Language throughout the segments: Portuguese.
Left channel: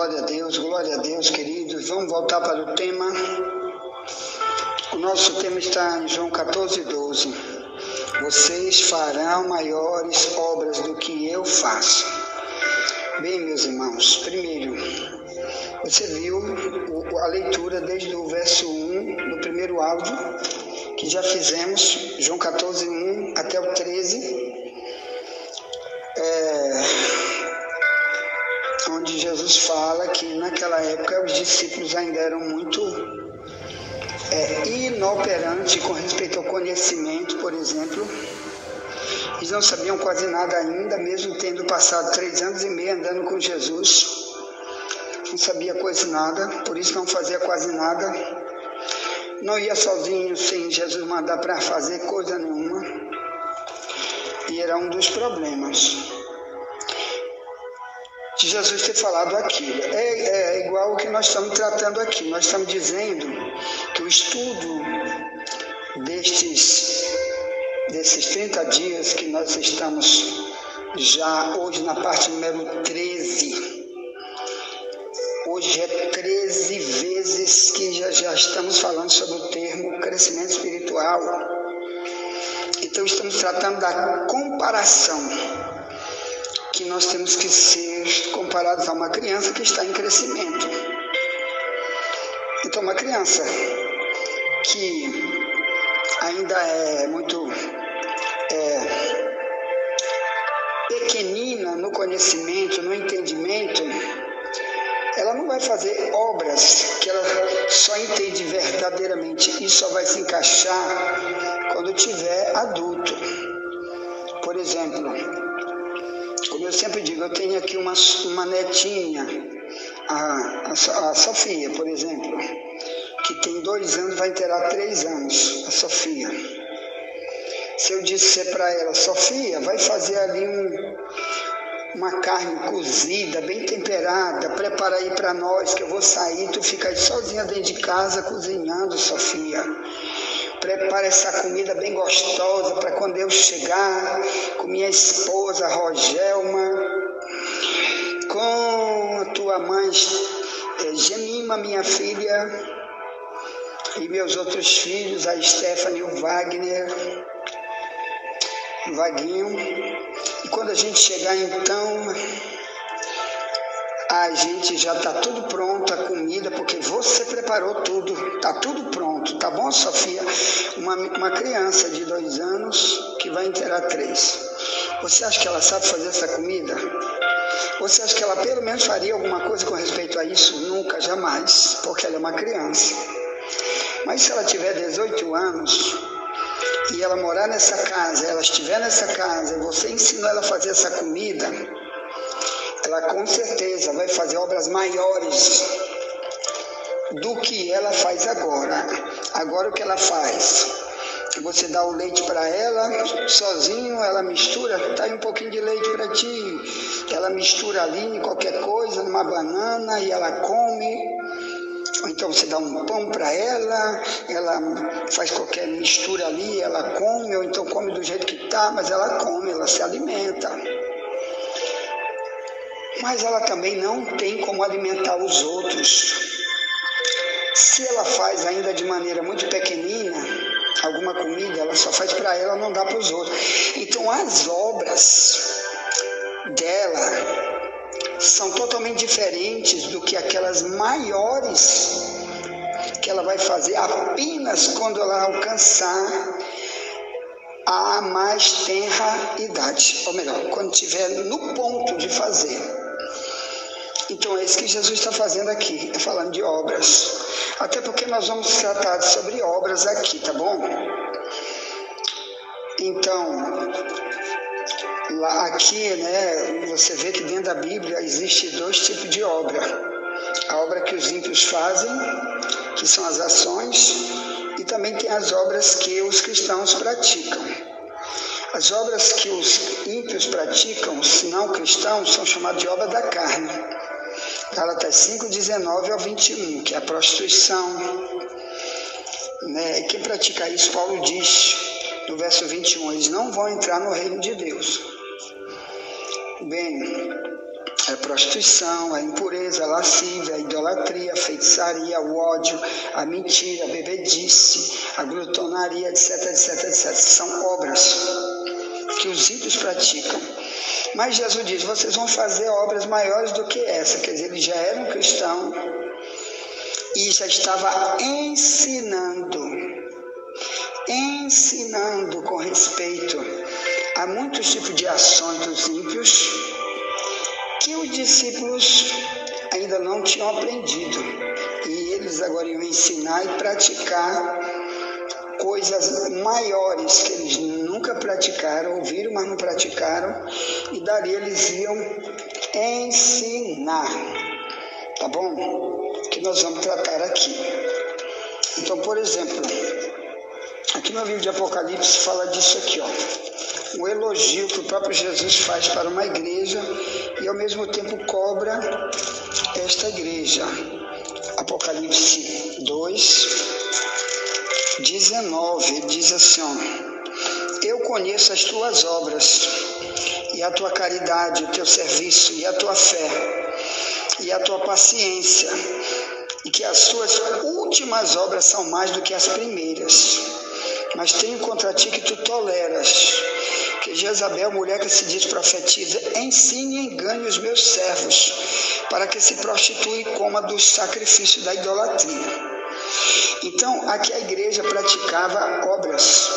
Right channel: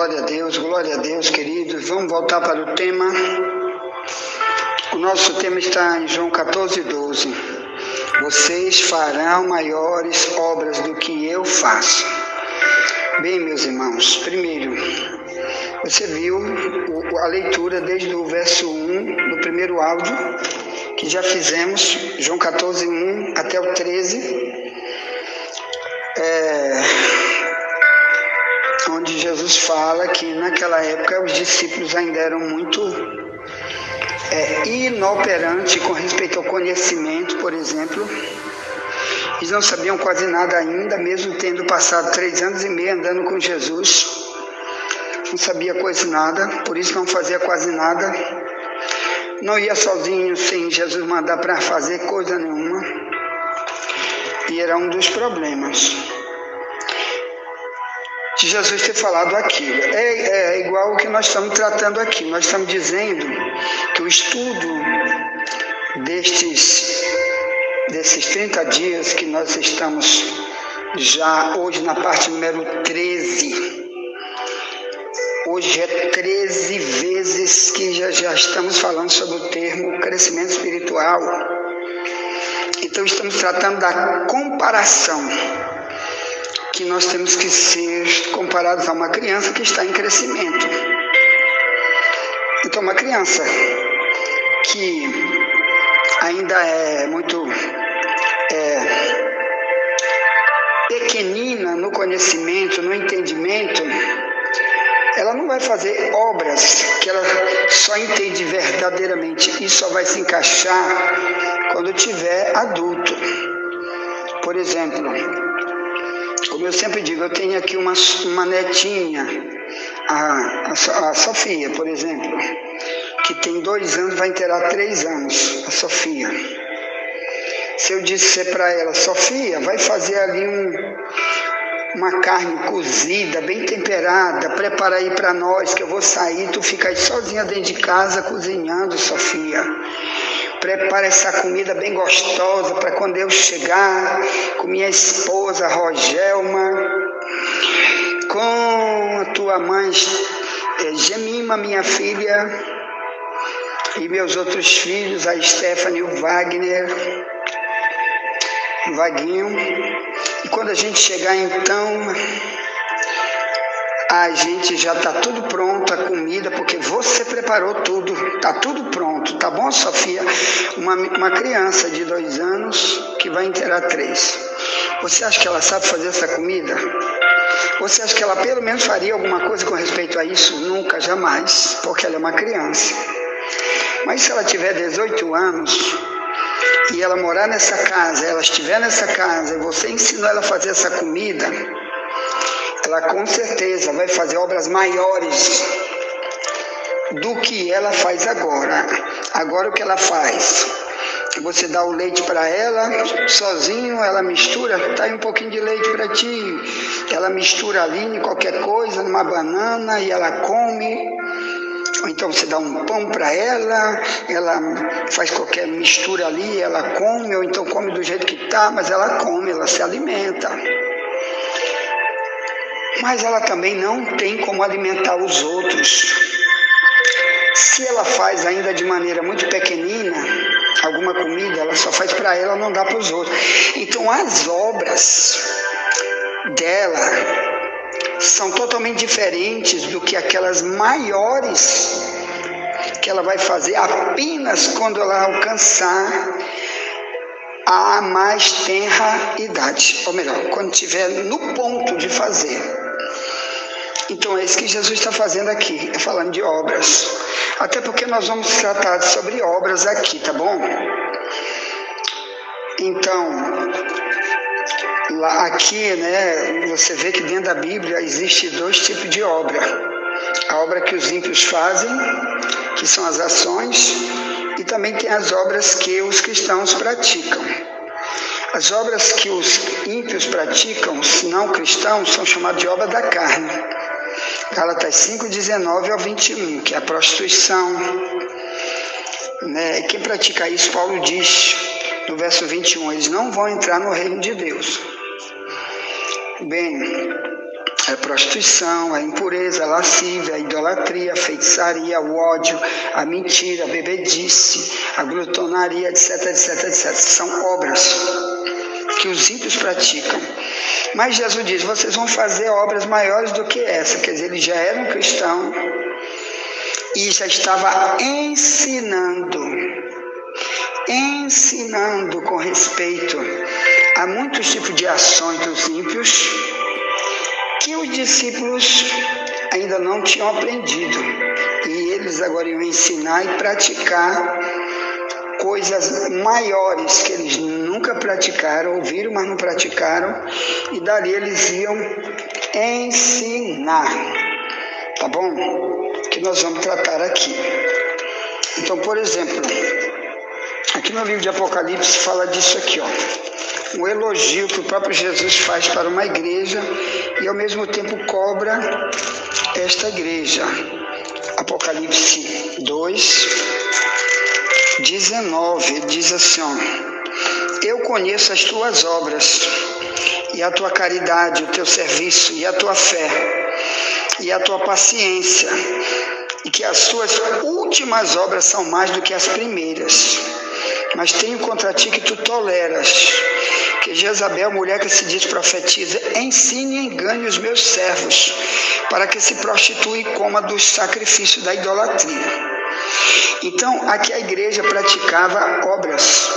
glória a Deus, queridos. Vamos voltar para o tema. O nosso tema está em João 14:12. Vocês farão maiores obras do que eu faço. Bem, meus irmãos, primeiro, você viu a leitura desde o verso 1 do primeiro áudio, que já fizemos, João 14:1 até o 13, onde Jesus fala que naquela época os discípulos ainda eram muito inoperantes com respeito ao conhecimento, por exemplo. Eles não sabiam quase nada ainda, mesmo tendo passado 3 anos e meio andando com Jesus. Não sabia quase nada, por isso não fazia quase nada. Não ia sozinho sem Jesus mandar para fazer coisa nenhuma. E era um dos problemas de Jesus ter falado aquilo. É igual o que nós estamos tratando aqui. Nós estamos dizendo que o estudo desses 30 dias que nós estamos já hoje na parte número 13. Hoje é 13 vezes que já estamos falando sobre o termo crescimento espiritual. Então estamos tratando da comparação, que nós temos que ser comparados a uma criança que está em crescimento. Então uma criança que ainda é muito pequenina no conhecimento, no entendimento, ela não vai fazer obras que ela só entende verdadeiramente. Isso só vai se encaixar quando tiver adulto. Por exemplo, como eu sempre digo, eu tenho aqui uma netinha, a Sofia, por exemplo, que tem 2 anos, vai inteirar 3 anos, a Sofia. Se eu disser para ela, Sofia, vai fazer ali uma carne cozida, bem temperada, prepara aí para nós, que eu vou sair, tu fica aí sozinha dentro de casa cozinhando, Sofia. Prepara essa comida bem gostosa para quando eu chegar com minha esposa Rogelma, com a tua mãe Gemima, minha filha, e meus outros filhos, a Stephanie, o Wagner, o Vaguinho. E quando a gente chegar então, a gente já está tudo pronto, a comida, porque você preparou tudo, está tudo pronto, tá bom, Sofia? Uma criança de 2 anos que vai inteirar 3. Você acha que ela sabe fazer essa comida? Você acha que ela pelo menos faria alguma coisa com respeito a isso? Nunca, jamais, porque ela é uma criança. Mas se ela tiver 18 anos e ela morar nessa casa, ela estiver nessa casa, você ensinou ela a fazer essa comida, ela com certeza vai fazer obras maiores do que ela faz agora. Agora o que ela faz? Você dá o leite para ela, sozinho, ela mistura, tá aí um pouquinho de leite para ti, ela mistura ali em qualquer coisa, numa banana, e ela come. Ou então você dá um pão para ela faz qualquer mistura ali, ela come, ou então come do jeito que está, mas ela come, ela se alimenta. Mas ela também não tem como alimentar os outros. Se ela faz ainda de maneira muito pequenina, alguma comida, ela só faz para ela, não dá para os outros. Então as obras dela são totalmente diferentes do que aquelas maiores que ela vai fazer apenas quando ela alcançar a mais tenra idade, ou melhor, quando estiver no ponto de fazer. Então é isso que Jesus está fazendo aqui, falando de obras, até porque nós vamos tratar sobre obras aqui, tá bom? Então aqui, você vê que dentro da Bíblia existe 2 tipos de obra. A obra que os ímpios fazem, que são as ações, e também tem as obras que os cristãos praticam. As obras que os ímpios praticam, os não cristãos, são chamadas de obra da carne. Gálatas 5:19 ao 21, que é a prostituição. E quem pratica isso, Paulo diz no verso 21, eles não vão entrar no reino de Deus. Bem, a prostituição, a impureza, a lascívia, a idolatria, a feitiçaria, o ódio, a mentira, a bebedice, a glutonaria, etc, etc, etc. São obras que os ímpios praticam. Mas Jesus diz, vocês vão fazer obras maiores do que essa. Quer dizer, ele já era um cristão e já estava ensinando com respeito a muitos tipos de ações dos ímpios que os discípulos ainda não tinham aprendido. E eles agora iam ensinar e praticar coisas maiores que eles nunca praticaram, ouviram, mas não praticaram, e dali eles iam ensinar. Tá bom? Que nós vamos tratar aqui. Então, por exemplo, aqui no livro de Apocalipse fala disso aqui, ó. Um elogio que o próprio Jesus faz para uma igreja e ao mesmo tempo cobra esta igreja. Apocalipse 2, 19, ele diz assim, ó, eu conheço as tuas obras e a tua caridade, o teu serviço e a tua fé e a tua paciência, e que as tuas últimas obras são mais do que as primeiras. Mas tenho contra ti que tu toleras que Jezabel, mulher que se diz profetiza, ensine e engane os meus servos, para que se prostitui e coma dos sacrifícios da idolatria. Então, aqui a igreja praticava obras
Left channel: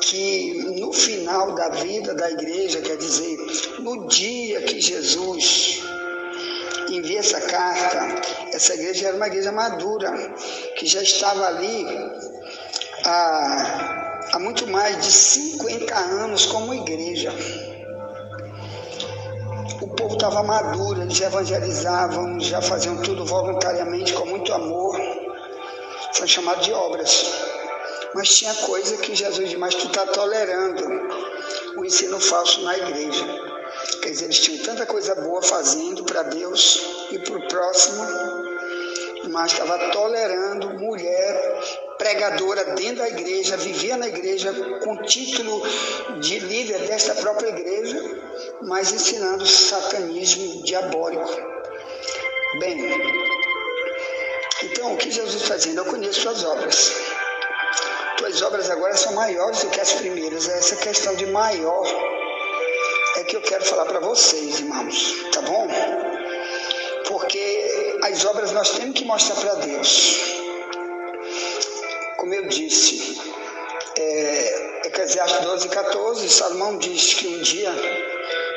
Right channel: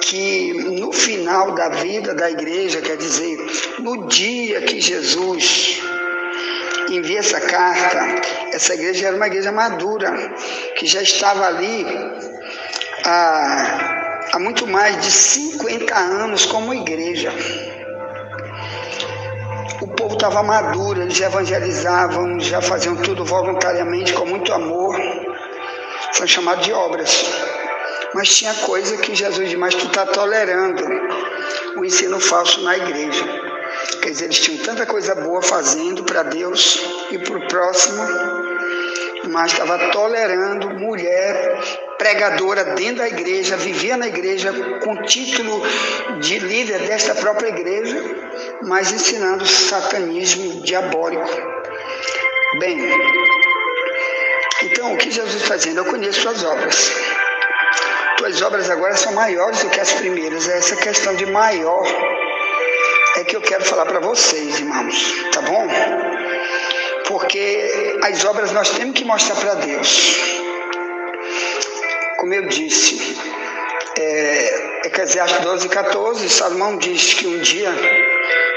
que no final da vida da igreja, quer dizer, no dia que Jesus envia essa carta, essa igreja era uma igreja madura, que já estava ali há muito mais de 50 anos como igreja. O povo estava maduro, eles já evangelizavam, já faziam tudo voluntariamente, com muito amor. São chamados de obras. Mas tinha coisa que Jesus diz, mas tu está tolerando o ensino falso na igreja. Quer dizer, eles tinham tanta coisa boa fazendo para Deus e para o próximo, mas estava tolerando mulher pregadora dentro da igreja, vivia na igreja com título de líder desta própria igreja, mas ensinando satanismo diabólico. Bem, então o que Jesus está fazendo? Eu conheço suas obras. Tuas obras agora são maiores do que as primeiras. Essa questão de maior é que eu quero falar para vocês, irmãos, tá bom? Porque as obras nós temos que mostrar para Deus. Como eu disse, Eclesiastes 12:14, Salomão diz que um dia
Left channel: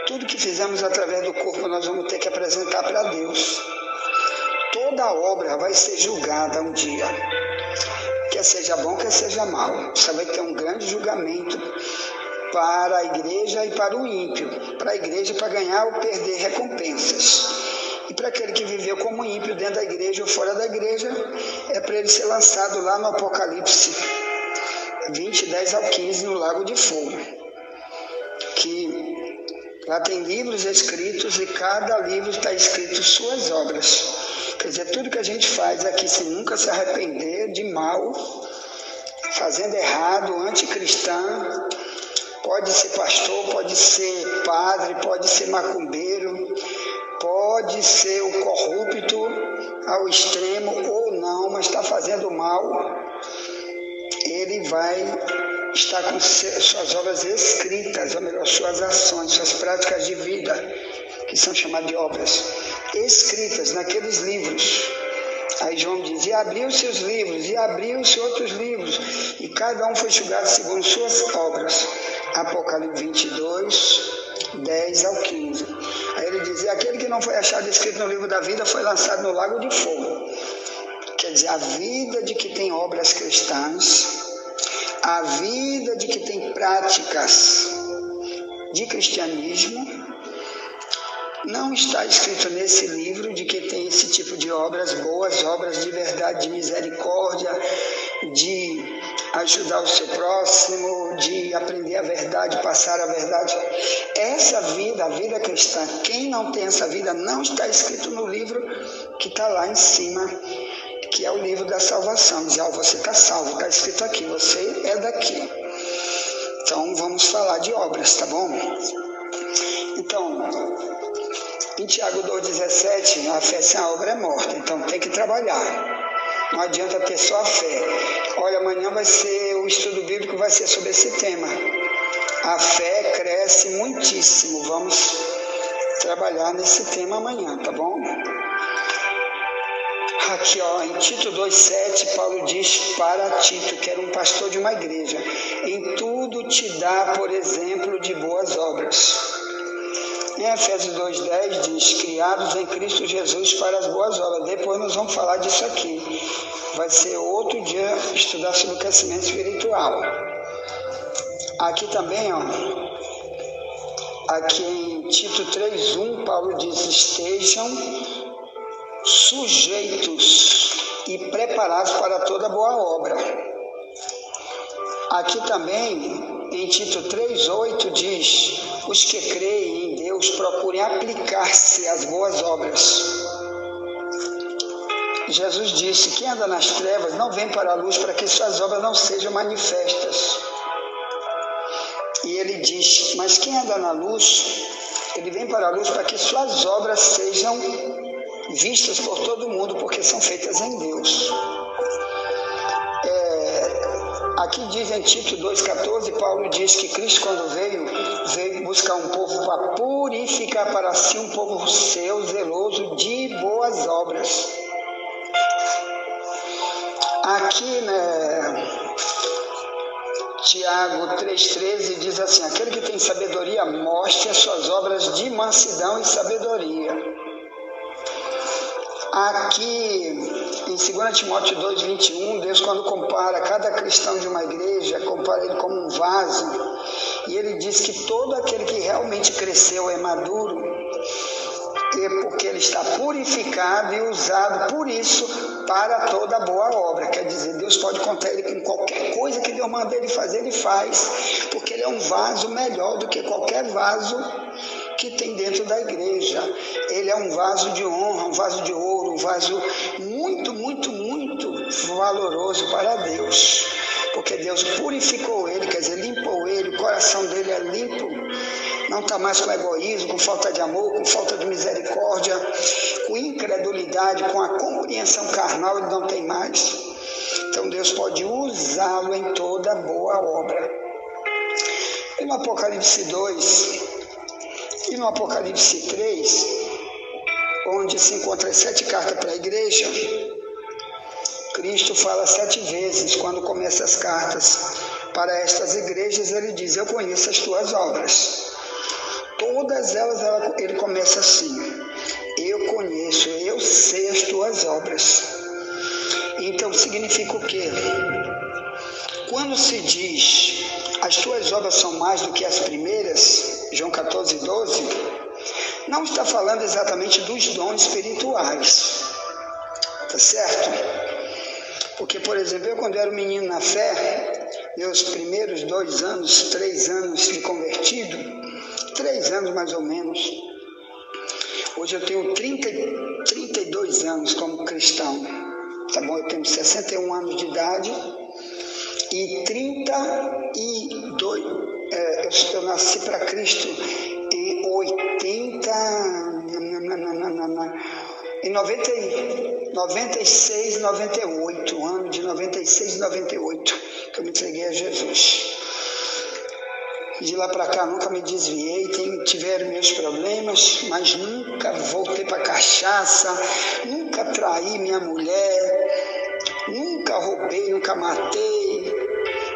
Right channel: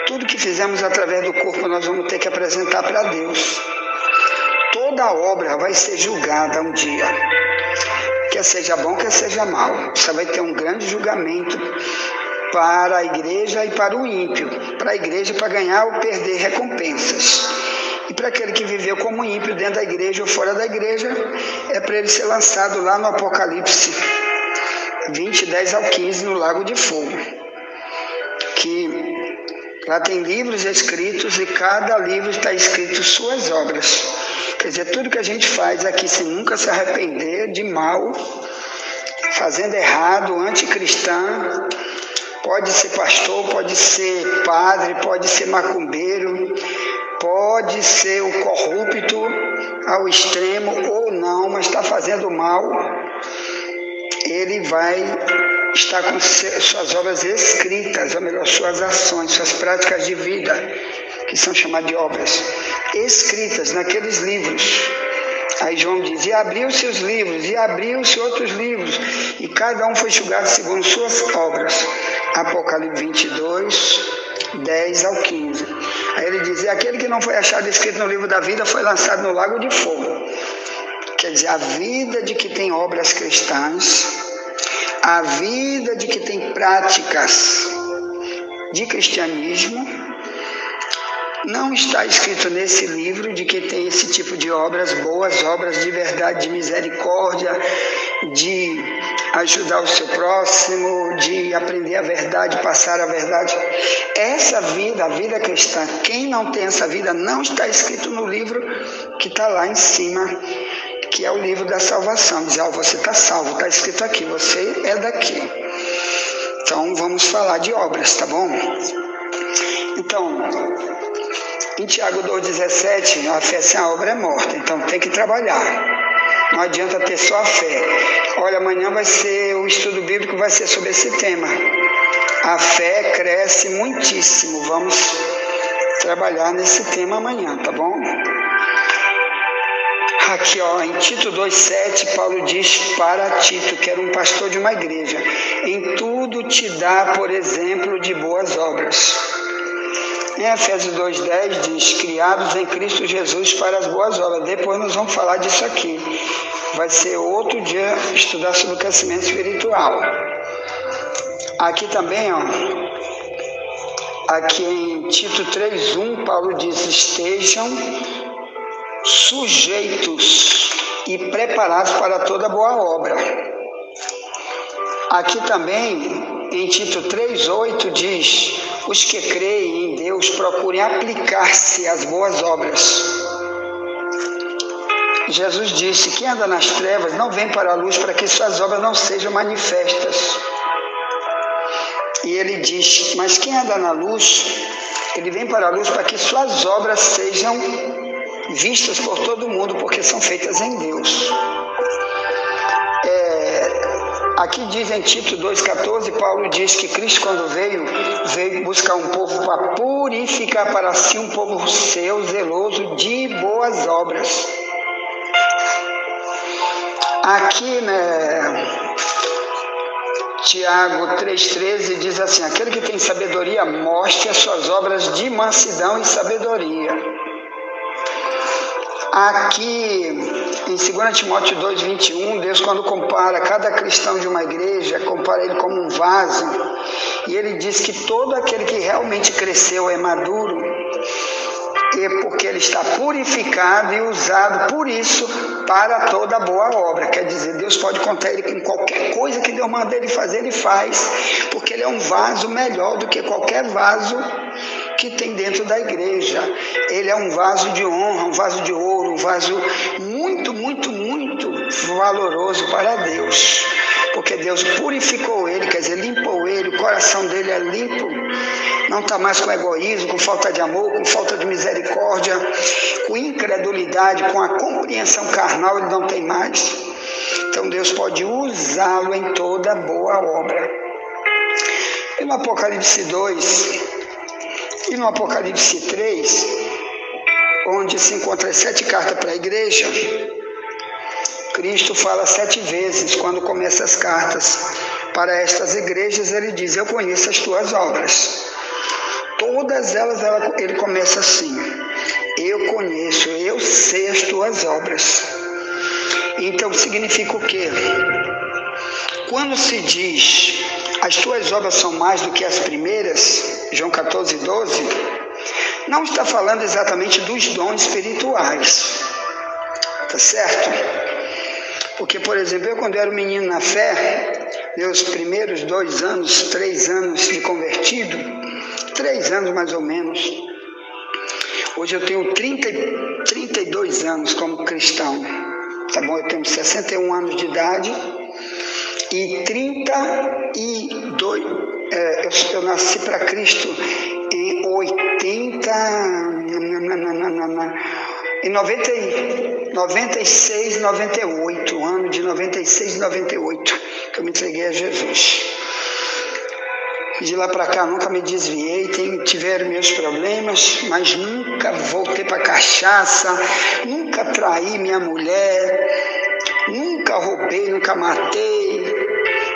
tudo que fizemos através do corpo nós vamos ter que apresentar para Deus. Toda obra vai ser julgada um dia, quer seja bom, quer seja mal. Você vai ter um grande julgamento para a igreja e para o ímpio. Para a igreja, para ganhar ou perder recompensas. E para aquele que viveu como ímpio dentro da igreja ou fora da igreja, é para ele ser lançado lá no Apocalipse 20, 10 ao 15, no lago de fogo. Que lá tem livros escritos e cada livro está escrito suas obras. Quer dizer, tudo que a gente faz aqui sem nunca se arrepender de mal, fazendo errado, anticristão, pode ser pastor, pode ser padre, pode ser macumbeiro, pode ser o corrupto ao extremo ou não, mas está fazendo mal, ele vai estar com suas obras escritas, ou melhor, suas ações, suas práticas de vida, que são chamadas de obras, escritas naqueles livros. Aí João diz, e abriu-se os livros, e abriu-se outros livros, e cada um foi julgado segundo suas obras. Apocalipse 22, 10 ao 15. Aí ele diz, e aquele que não foi achado escrito no livro da vida foi lançado no lago de fogo. Quer dizer, a vida de que tem obras cristãs, a vida de que tem práticas de cristianismo, não está escrito nesse livro de que tem esse tipo de obras, boas obras de verdade, de misericórdia, de ajudar o seu próximo, de aprender a verdade, passar a verdade. Essa vida, a vida cristã, quem não tem essa vida, não está escrito no livro que está lá em cima, que é o livro da salvação. Diz, você está salvo, está escrito aqui, você é daqui. Então vamos falar de obras, tá bom? Então, Em Tiago 2,17, a fé sem a obra é morta, então tem que trabalhar. Não adianta ter só a fé. Olha, amanhã vai ser o estudo bíblico, vai ser sobre esse tema. A fé cresce muitíssimo. Vamos trabalhar nesse tema amanhã, tá bom? Aqui, ó, em Tito 2,7, Paulo diz para Tito, que era um pastor de uma igreja: em tudo te dá, por exemplo, de boas obras. Em Efésios 2,10 diz: criados em Cristo Jesus para as boas obras. Depois nós vamos falar disso aqui. Vai ser outro dia estudar sobre o crescimento espiritual. Aqui também, ó, aqui em Tito 3,1, Paulo diz: estejam sujeitos e preparados para toda boa obra. Aqui também, em Tito 3,8 diz: os que creem em Deus procurem aplicar-se às boas obras. Jesus disse: quem anda nas trevas não vem para a luz, para que suas obras não sejam manifestas. E ele diz: mas quem anda na luz, ele vem para a luz para que suas obras sejam vistas por todo mundo, porque são feitas em Deus. Aqui diz em Tito 2,14, Paulo diz que Cristo, quando veio buscar um povo para purificar para si um povo seu, zeloso de boas obras. Aqui, Tiago 3,13 diz assim: aquele que tem sabedoria, mostre as suas obras de mansidão e sabedoria. Aqui em 2 Timóteo 2,21, Deus, quando compara cada cristão de uma igreja, compara ele como um vaso, e ele diz que todo aquele que realmente cresceu é maduro, é porque ele está purificado e usado por isso para toda boa obra. Quer dizer, Deus pode contar ele com qualquer coisa que Deus manda ele fazer, ele faz, porque ele é um vaso melhor do que qualquer vaso que tem dentro da igreja. Ele é um vaso de honra, um vaso de ouro, um vaso muito, muito, muito valoroso para Deus, porque Deus purificou ele, quer dizer, limpou ele, o coração dele é limpo, não está mais com egoísmo, com falta de amor, com falta de misericórdia, com incredulidade, com a compreensão carnal, ele não tem mais. Então Deus pode usá-lo em toda boa obra. E no Apocalipse 2 e no Apocalipse 3, onde se encontra as 7 cartas para a igreja, Cristo fala 7 vezes quando começa as cartas para estas igrejas. Ele diz: eu conheço as tuas obras. Todas elas ele começa assim: eu conheço, eu sei as tuas obras. Então significa o quê? Quando se diz as tuas obras são mais do que as primeiras, João 14,12, não está falando exatamente dos dons espirituais, tá certo? Porque, por exemplo, eu quando era um menino na fé, meus primeiros 2 anos, 3 anos de convertido, 3 anos mais ou menos, hoje eu tenho 32 anos como cristão, tá bom? Eu tenho 61 anos de idade e 32, eu nasci para Cristo em 96, 98, ano de 96 e 98, que eu me entreguei a Jesus. De lá para cá nunca me desviei, tiveram meus problemas, mas nunca voltei para cachaça, nunca traí minha mulher, nunca roubei, nunca matei.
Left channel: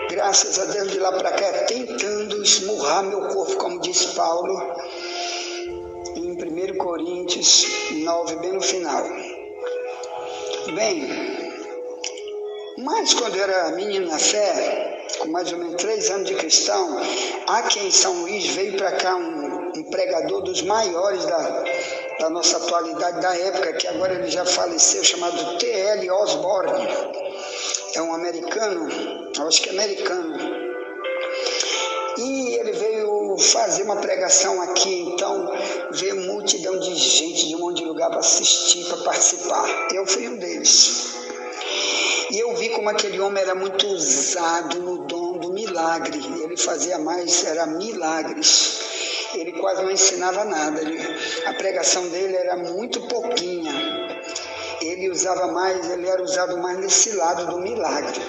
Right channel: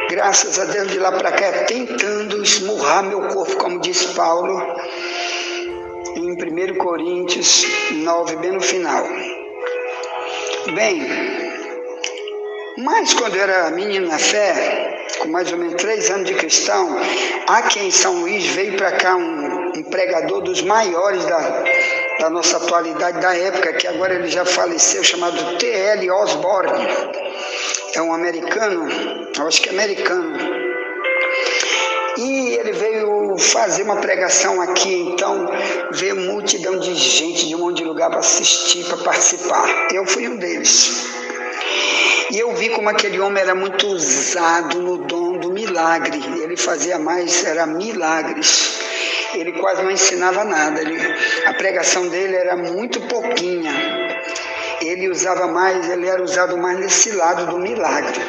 Graças a Deus, de lá para cá, tentando esmurrar meu corpo, como diz Paulo, em 1 Coríntios 9, bem no final. Bem, mas quando eu era menino na fé, com mais ou menos 3 anos de cristão, aqui em São Luís veio para cá um pregador dos maiores da nossa atualidade, da época, que agora ele já faleceu, chamado T.L. Osborne. É um americano, eu acho que é americano. E ele veio fazer uma pregação aqui, então veio multidão de gente de um monte de lugar para assistir, para participar. Eu fui um deles. E eu vi como aquele homem era muito usado no dom do milagre. Ele fazia mais, era milagres. Ele quase não ensinava nada. A pregação dele era muito pouquinha. Ele era usado mais nesse lado do milagre.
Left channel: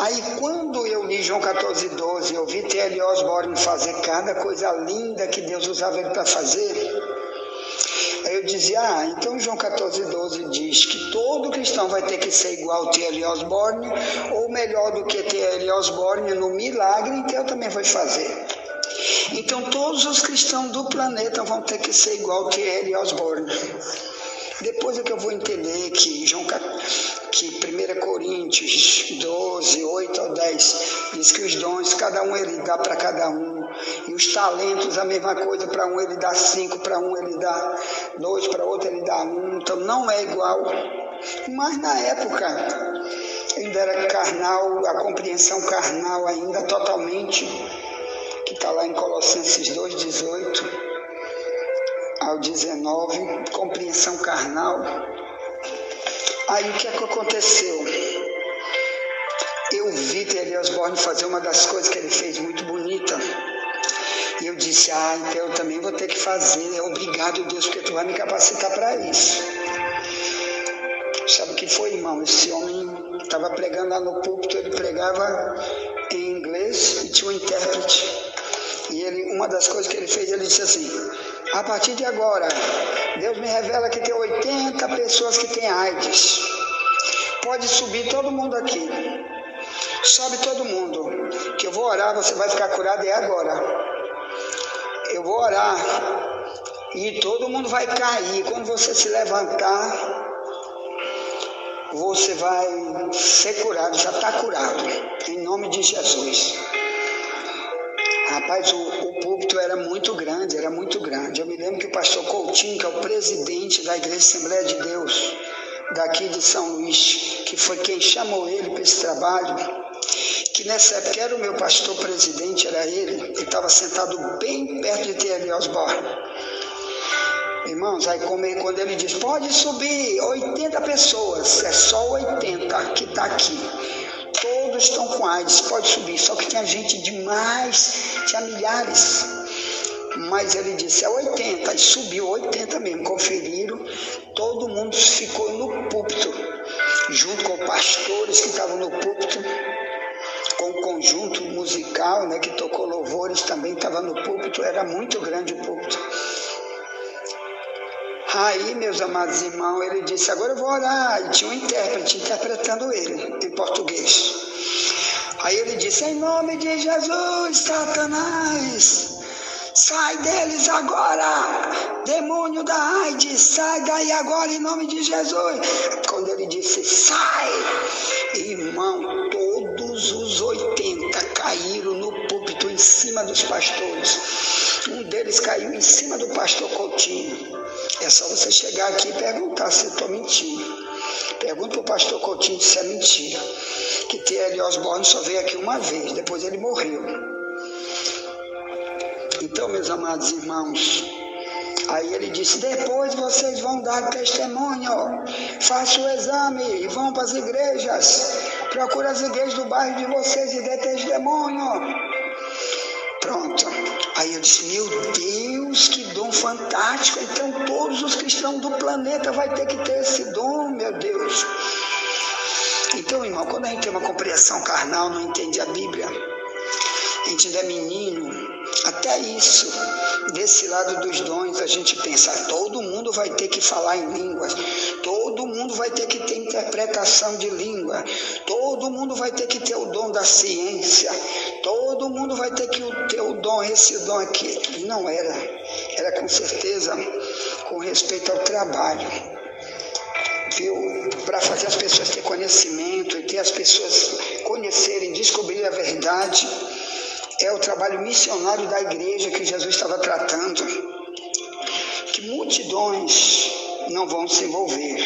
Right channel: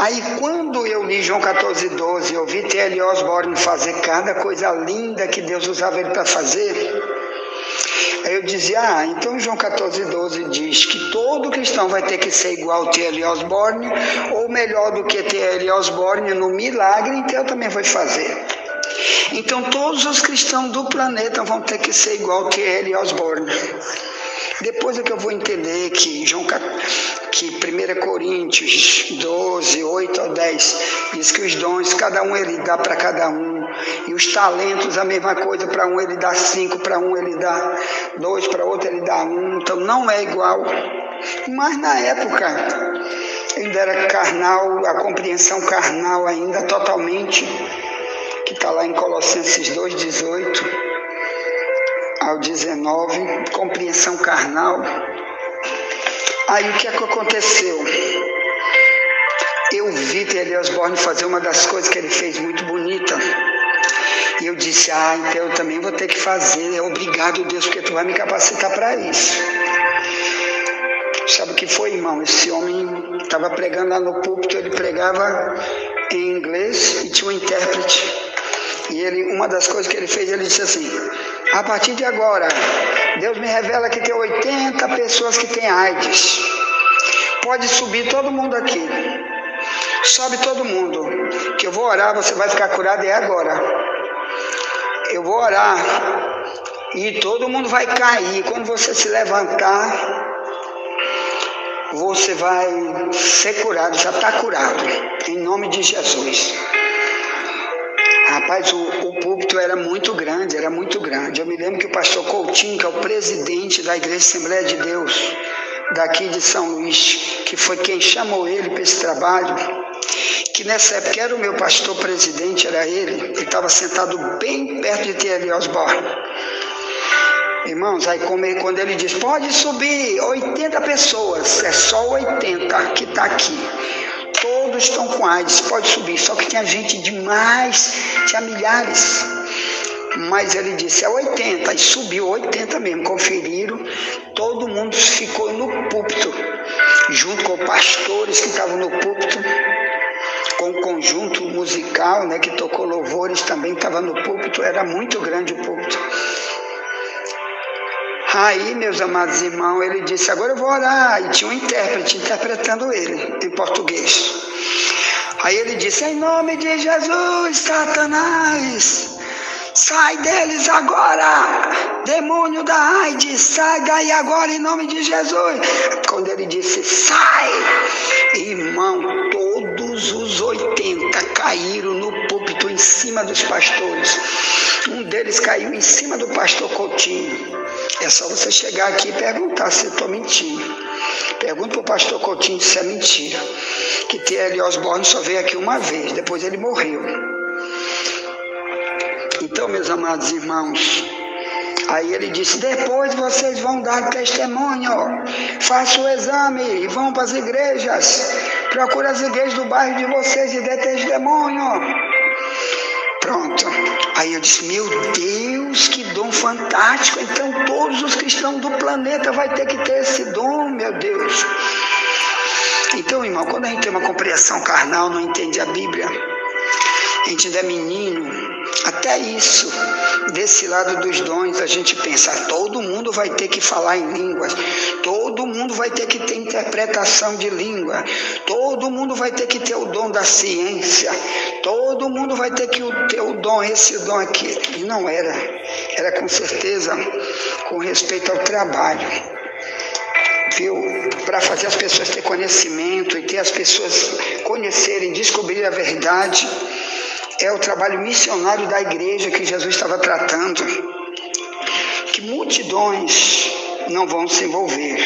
Aí quando eu li João 14:12, eu vi T.L. Osborne fazer cada coisa linda que Deus usava ele para fazer, aí eu dizia, então João 14:12 diz que todo cristão vai ter que ser igual T.L. Osborne, ou melhor do que T.L. Osborne no milagre, então eu também vou fazer. Então todos os cristãos do planeta vão ter que ser igual T.L. Osborne. Depois é que eu vou entender que 1 Coríntios 12, 8 ao 10, diz que os dons, cada um ele dá para cada um, e os talentos, a mesma coisa, para um ele dá 5, para um ele dá 2, para outro ele dá 1, então não é igual. Mas na época, ainda era carnal, a compreensão carnal ainda totalmente, que está lá em Colossenses 2, 18 ao 19, compreensão carnal. Aí o que é que aconteceu? Eu vi T.L. Osborne fazer uma das coisas que ele fez muito bonita. E eu disse, então eu também vou ter que fazer. Obrigado, Deus, porque tu vai me capacitar para isso. Sabe o que foi, irmão? Esse homem estava pregando lá no púlpito, ele pregava em inglês e tinha um intérprete. E uma das coisas que ele fez, ele disse assim, a partir de agora, Deus me revela que tem 80 pessoas que têm AIDS. Pode subir todo mundo aqui. Sobe todo mundo. Que eu vou orar, você vai ficar curado agora. Eu vou orar. E todo mundo vai cair. Quando você se levantar, você vai ser curado. Já está curado. Em nome de Jesus. Rapaz, o púlpito era muito grande. Eu me lembro que o pastor Coutinho, que é o presidente da Igreja Assembleia de Deus, daqui de São Luís, que foi quem chamou ele para esse trabalho, que nessa época era o meu pastor presidente, era ele estava sentado bem perto de T.L. Osborne. Irmãos, aí quando ele diz, pode subir 80 pessoas, é só 80 que está aqui. Todos estão com AIDS, pode subir, só que tinha gente demais, tinha milhares. Mas ele disse, 80, e subiu 80 mesmo, conferiram, todo mundo ficou no púlpito, junto com pastores que estavam no púlpito, com o conjunto musical, que tocou louvores também, estava no púlpito, era muito grande o púlpito. Aí, meus amados irmãos, ele disse, agora eu vou orar, e tinha um intérprete interpretando ele, em português. Aí ele disse, em nome de Jesus, Satanás, sai deles agora, demônio da AIDS, sai daí agora em nome de Jesus. Quando ele disse, sai, irmão, todos os 80 caíram no púlpito em cima dos pastores. Um deles caiu em cima do pastor Coutinho. É só você chegar aqui e perguntar se eu estou mentindo. Pergunta para o pastor Coutinho se é mentira. Que T.L. Osborne só veio aqui uma vez, depois ele morreu. Então, meus amados irmãos, aí ele disse, depois vocês vão dar testemunho, faça o exame e vão para as igrejas, procure as igrejas do bairro de vocês e dê testemunho. Pronto. Aí eu disse, meu Deus, que dom fantástico, então todos os cristãos do planeta vão ter que ter esse dom, meu Deus. Então, irmão, quando a gente tem uma compreensão carnal, não entende a Bíblia, a gente ainda é menino, até isso, desse lado dos dons, a gente pensa, todo mundo vai ter que falar em línguas, todo mundo vai ter que ter interpretação de língua, todo mundo vai ter que ter o dom da ciência, todo mundo vai ter que ter o dom, esse dom aqui. E não era, era com certeza com respeito ao trabalho, viu? Para fazer as pessoas ter conhecimento e ter as pessoas conhecerem, descobrir a verdade. É o trabalho missionário da igreja que Jesus estava tratando, que multidões não vão se envolver.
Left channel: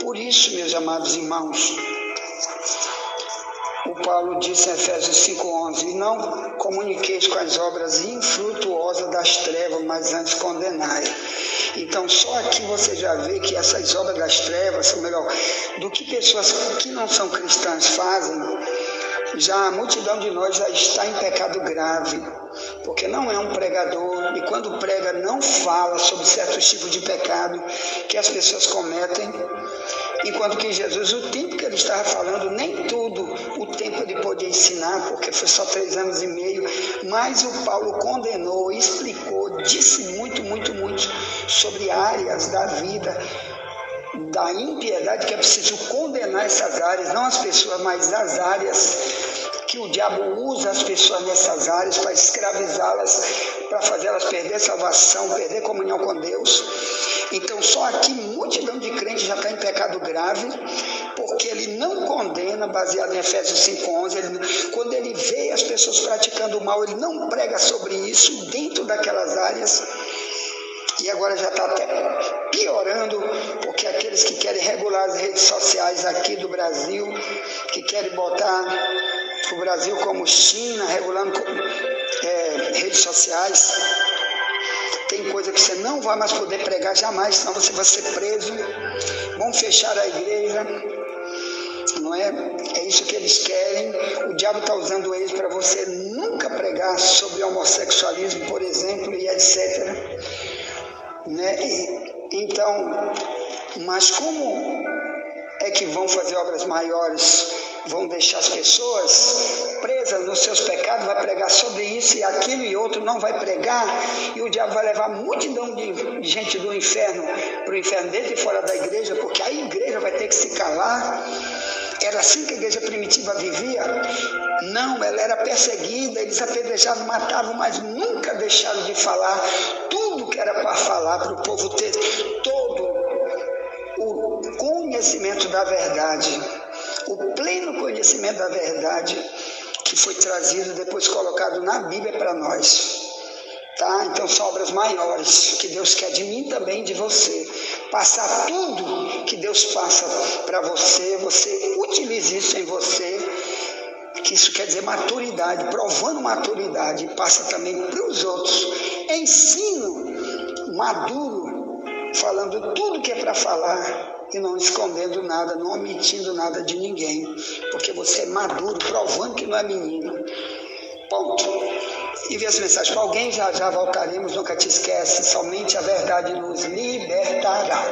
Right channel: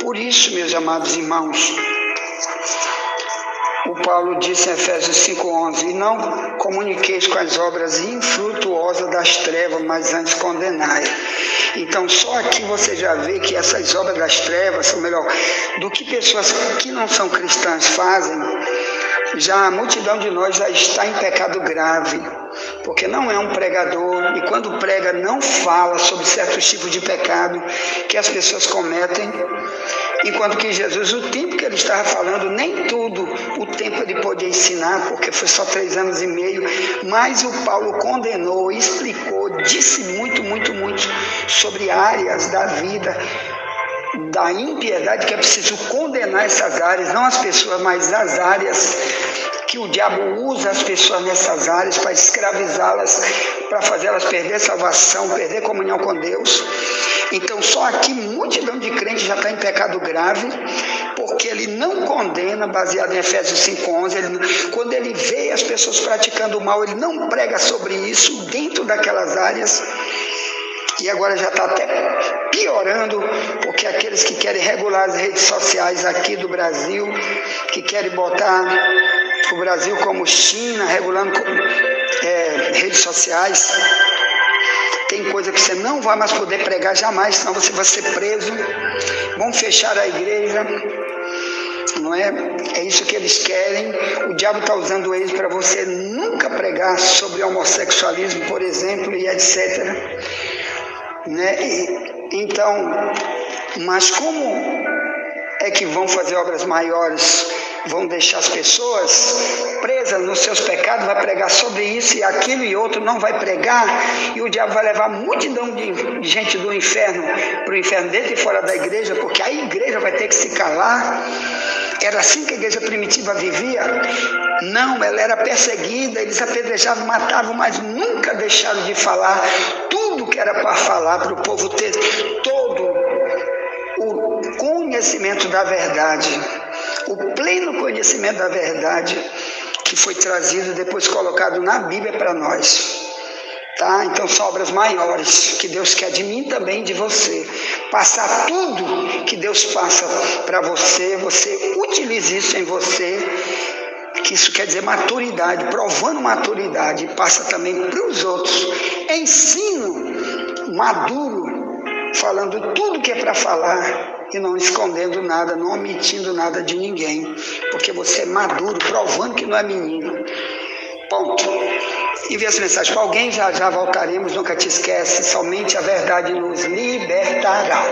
Por isso, meus amados irmãos, o Paulo disse em Efésios 5:11, e não comuniqueis com as obras infrutuosas das trevas, mas antes condenai. Então, só aqui você já vê que essas obras das trevas, ou melhor, do que pessoas que não são cristãs fazem, já a multidão de nós já está em pecado grave. porque não é um pregador, e quando prega não fala sobre certos tipos de pecado que as pessoas cometem, enquanto que Jesus, o tempo que ele estava falando, nem tudo o tempo ele podia ensinar, porque foi só 3 anos e meio, mas o Paulo condenou, explicou, disse muito sobre áreas da vida, da impiedade, que é preciso condenar essas áreas, não as pessoas, mas as áreas que o diabo usa as pessoas nessas áreas para escravizá-las, para fazê-las perder salvação, perder comunhão com Deus. Então só aqui multidão de crentes já está em pecado grave, porque ele não condena, baseado em Efésios 5:11, quando ele vê as pessoas praticando o mal, ele não prega sobre isso dentro daquelas áreas. E agora já está até piorando, porque aqueles que querem regular as redes sociais aqui do Brasil, que querem botar o Brasil como China, regulando redes sociais, tem coisa que você não vai mais poder pregar jamais, senão você vai ser preso, vão fechar a igreja, não é? É isso que eles querem. O diabo está usando eles para você nunca pregar sobre homossexualismo, por exemplo, e etc., né? Então, mas como é que vão fazer obras maiores? Vão deixar as pessoas presas nos seus pecados, vai pregar sobre isso e aquilo e outro, não vai pregar, e o diabo vai levar multidão de gente do inferno para o inferno dentro e fora da igreja, porque a igreja vai ter que se calar. Era assim que a igreja primitiva vivia? Não, ela era perseguida, eles apedrejavam, matavam, mas nunca deixaram de falar tudo que era para falar, para o povo ter todo o conhecimento da verdade, o pleno conhecimento da verdade que foi trazido, depois colocado na Bíblia para nós. Tá? Então são obras maiores que Deus quer de mim também, de você. Passar tudo que Deus passa para você, você utilize isso em você, que isso quer dizer maturidade, provando maturidade, passa também para os outros. Ensino maduro, falando tudo que é para falar e não escondendo nada, não omitindo nada de ninguém, porque você é maduro, provando que não é menino. Ponto. Envie essa mensagem para alguém, já voltaremos, nunca te esquece, somente a verdade nos libertará.